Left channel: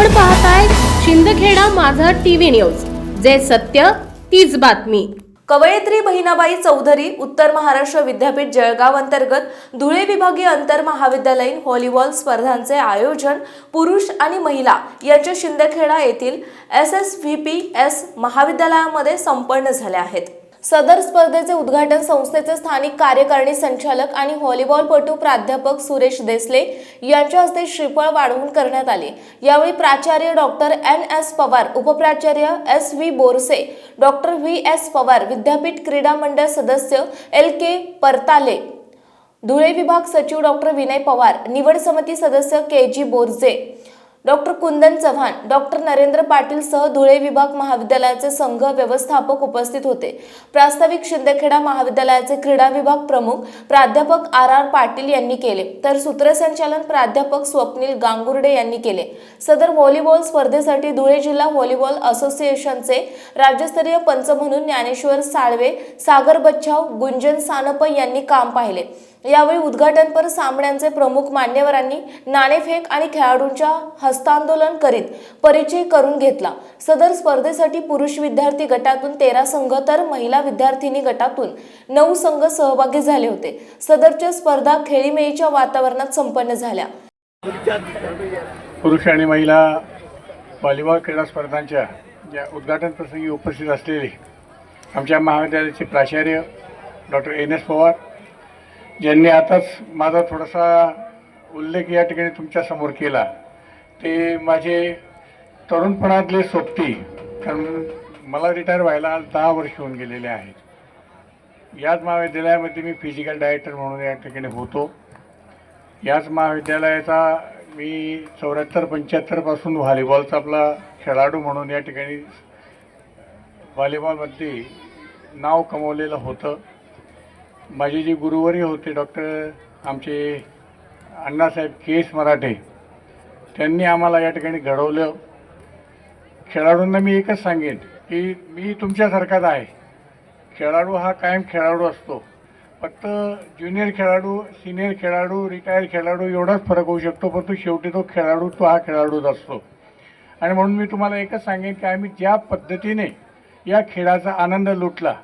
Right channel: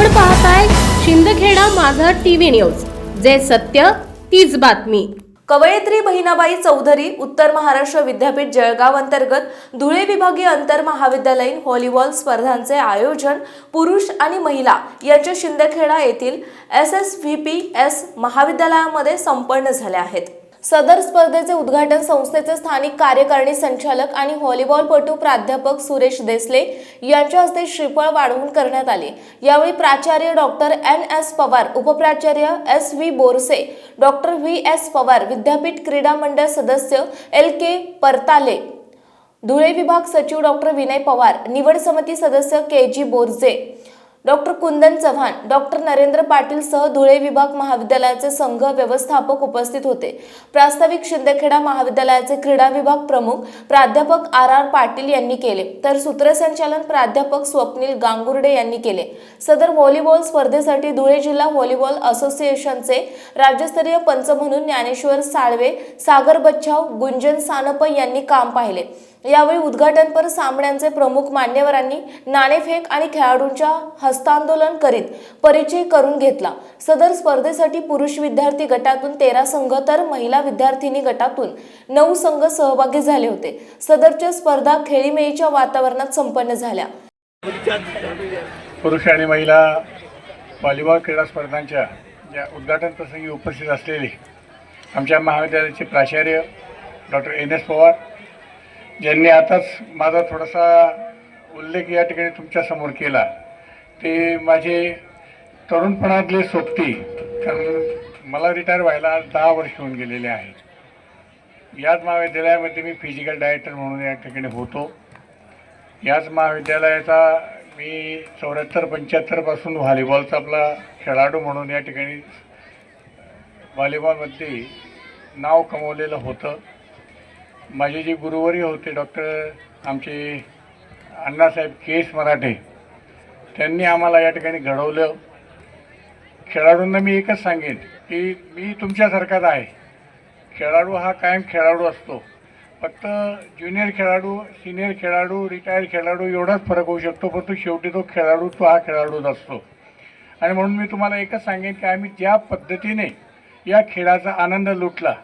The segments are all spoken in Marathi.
आपण पाहताय शिंदखेडा माझा टीव्ही न्यूज. जे सत्य तीच बातमी. कवयित्री बहिणाबाई चौधरी उत्तर महाराष्ट्र विद्यापीठ जळगाव अंतर्गत धुळे विभागीय अंतर महाविद्यालयीन व्हॉलीबॉल स्पर्धांचे आयोजन पुरुष आणि महिला यांच्या शिंदखेडा येथील S S V P S महाविद्यालयामध्ये संपन्न झाले आहेत. सदर स्पर्धेचे उद्घाटन संस्थेचे स्थानिक कार्यकारिणी संचालक आणि व्हॉलीबॉलपटू प्राध्यापक सुरेश देसले यांच्या हस्ते श्रीफळ वाढवून करण्यात आले. यावेळी प्राचार्य doctor N S Pawar उपप्राचार्य S V Borse doctor V S Pawar विद्यापीठ क्रीडा मंडळ सदस्य एल के परताले धुळे विभाग सचिव डॉक्टर विनय पवार निवड समिती सदस्य K G Borje doctor Kundan Chavan doctor Narendra Patil सह धुळे विभाग महाविद्यालयाचे संघ व्यवस्थापक उपस्थित होते. प्रास्ताविक शिंदेखेडा महाविद्यालयाचे क्रीडा विभाग प्रमुख प्राध्यापक आर आर पाटील यांनी केले तर सूत्रसंचालन प्राध्यापक स्वप्नील गांगुर्डे यांनी केले. सदर व्हॉलीबॉल स्पर्धेसाठी धुळे जिल्हा व्हॉलीबॉल असोसिएशनचे राज्यस्तरीय पंच म्हणून ज्ञानेश्वर साळवे सागर बच्छाव गुंजन सानप यांनी काम पाहिले. यावेळी उद्घाटनपर सामन्यांचे प्रमुख मान्यवरांनी नाणेफेक आणि खेळाडूंच्या हस्तांदोलन करीत परिचय करून घेतला. सदर स्पर्धेसाठी पुरुष विद्यार्थी गटातून तेरा संघ तर महिला विद्यार्थिनी गटातून नऊ संघ सहभागी झाले होते. सदरच्या स्पर्धा खेळीमेळीच्या वातावरणात संपन्न झाल्या. पुरुष आणि महिला व्हॉलीबॉल क्रीडा स्पर्धांच्या ज्या उद्घाटन प्रसंगी उपस्थित असलेले आमच्या महाविद्यालयाचे प्राचार्य डॉक्टर एन एस पवार ज्यांनी आताच माझा थोडासा उल्लेख या ठिकाणी तुमच्यासमोर केला ते माझे तरुणपणातले सोबती कारण मला रिटायर व्हायला आज दहा वर्ष होऊन गेलेले आहेत. याच महाविद्यालयामध्ये मी फिजिकल डायरेक्टर म्हणून या ठिकाणी होतो. याच महाविद्यालयाचा मी चौऱ्याहत्तर पंच्याहत्तरपासून व्हॉलीबॉलचा आपला खेळाडू म्हणून या ठिकाणी व्हॉलीबॉलमध्ये नाव कमवलेलं होतं. माझे जे गुरुवरी होते डॉक्टर आमचे अण्णासाहेब के एस मराठे त्यांनी आम्हाला या ठिकाणी घडवलं. खेळाडूंना मी एकच सांगेन की मी तुमच्यासारखाच आहे. खेळाडू हा कायम खेळाडू असतो. फक्त ज्युनियर खेळाडू सिनियर खेळाडू रिटायर खेळाडू एवढाच फरक होऊ शकतो पण तो शेवटी तो खेळाडू तो हा खेळाडूच असतो. आणि म्हणून मी तुम्हाला एकच सांगेन की आम्ही ज्या पद्धतीने या खेळाचा आनंद लुटला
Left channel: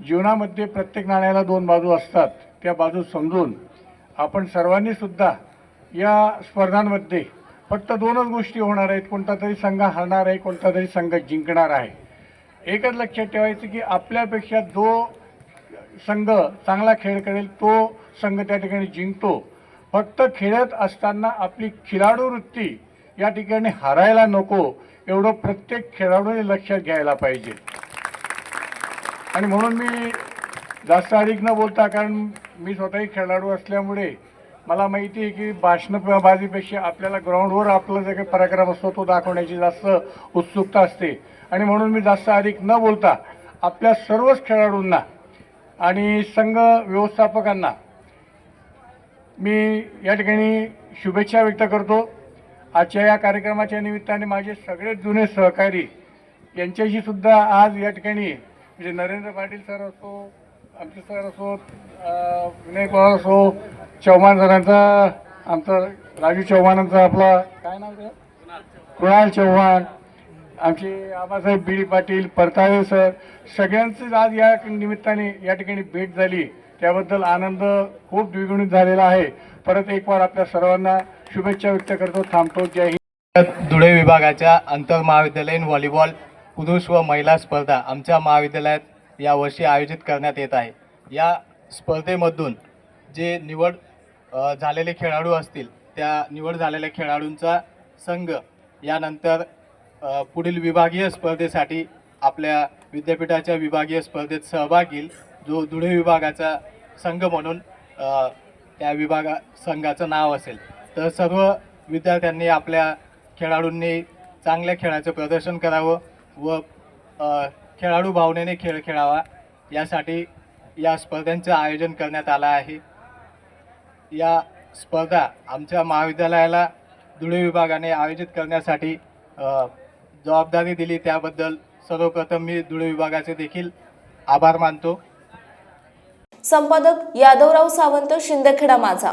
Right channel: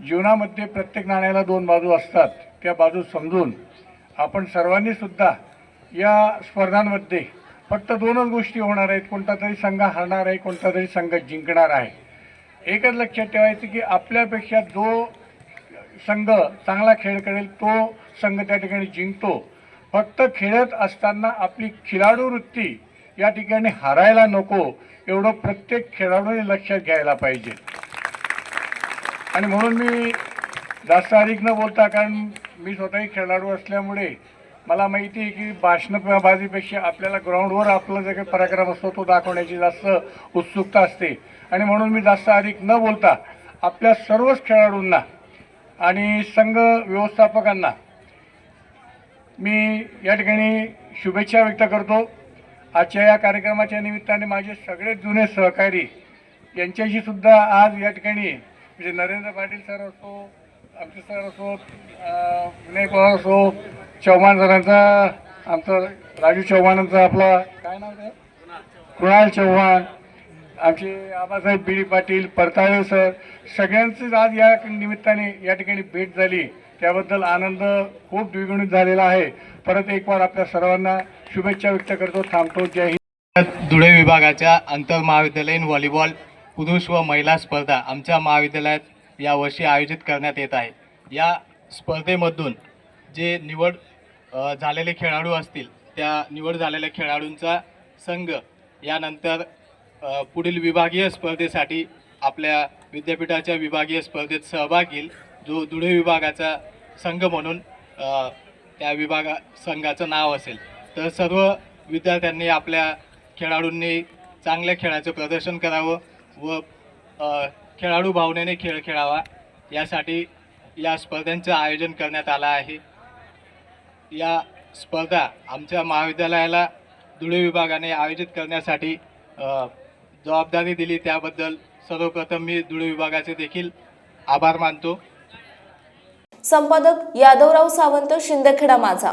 जीवनामध्ये प्रत्येक नाण्याला दोन बाजू असतात. त्या बाजू समजून आपण सर्वांनी सुद्धा या स्पर्धांमध्ये फक्त दोनच गोष्टी होणार आहेत. कोणता तरी संघ हरणार आहे कोणता तरी संघ जिंकणार आहे. एकच लक्षात ठेवायचं की आपल्यापेक्षा जो संघ चांगला खेळ करेल तो संघ त्या ठिकाणी जिंकतो. फक्त खेळत असताना आपली खिलाडू वृत्ती या ठिकाणी हरायला नको. एवढं प्रत्येक खेळाडूने लक्षात घ्यायला पाहिजे. आणि म्हणून मी जास्त अधिक न बोलता कारण मी स्वतःही खेळाडू असल्यामुळे मला माहिती आहे की भाषणबाजीपेक्षा आपल्याला ग्राउंडवर आपला जे काही पराक्रम असतो तो दाखवण्याची जास्त उत्सुकता असते. आणि म्हणून मी जास्त अधिक न बोलता आपल्या सर्वच खेळाडूंना आणि संघ व्यवस्थापकांना मी या ठिकाणी शुभेच्छा व्यक्त करतो. आजच्या या कार्यक्रमाच्या निमित्ताने माझे सगळे जुने सहकारी यांच्याशी सुद्धा आज या ठिकाणी म्हणजे नरेंद्र पाटील सर असो आमचे सर असो विनय पवार असो चव्हाण सरांचा आमचा राजू चव्हाणांचा आपला काय नाव ते कुणाल चव्हाण आमचे Abasaheb B D Patil Partale sir सगळ्यांचीच आज या निमित्ताने या ठिकाणी भेट झाली. त्याबद्दल आनंद खूप द्विगुणित झालेला आहे. परत एक वार आपल्या सर्वांना शुभेच्छा व्यक्त करतो. थांबतो. जय हिंद. धुळे विभागाच्या आंतर महाविद्यालयीन व्हॉलीबॉल पुरुष व महिला स्पर्धा आमच्या महाविद्यालयात यावर्षी आयोजित करण्यात येत आहे. या स्पर्धेमधून जे निवड झालेले खेळाडू असतील त्या निवड झालेल्या खेळाडूंचा संघ यानंतर पुढील विभागीय स्पर्धेसाठी आपल्या विद्यापीठाच्या विभागीय स्पर्धेत सहभाग घेईल जो धुळे विभागाचा संघ म्हणून त्या विभागा संघाचं नाव असेल. तर सर्व विद्यार्थ्यांनी आपल्या खेळाडूंनी चांगल्या खेळाचं प्रदर्शन करावं व खेळाडू भावनेने खेळ खेळावा. यासाठी या स्पर्धांचं आयोजन करण्यात आलं आहे. या स्पर्धा आमच्या महाविद्यालयाला धुळे विभागाने आयोजित करण्यासाठी जबाबदारी दिली. त्याबद्दल सर्वप्रथम मी धुळे विभागाचे देखील आभार मानतो. संपादक यादवराव सावंत शिंदखेडा माझा.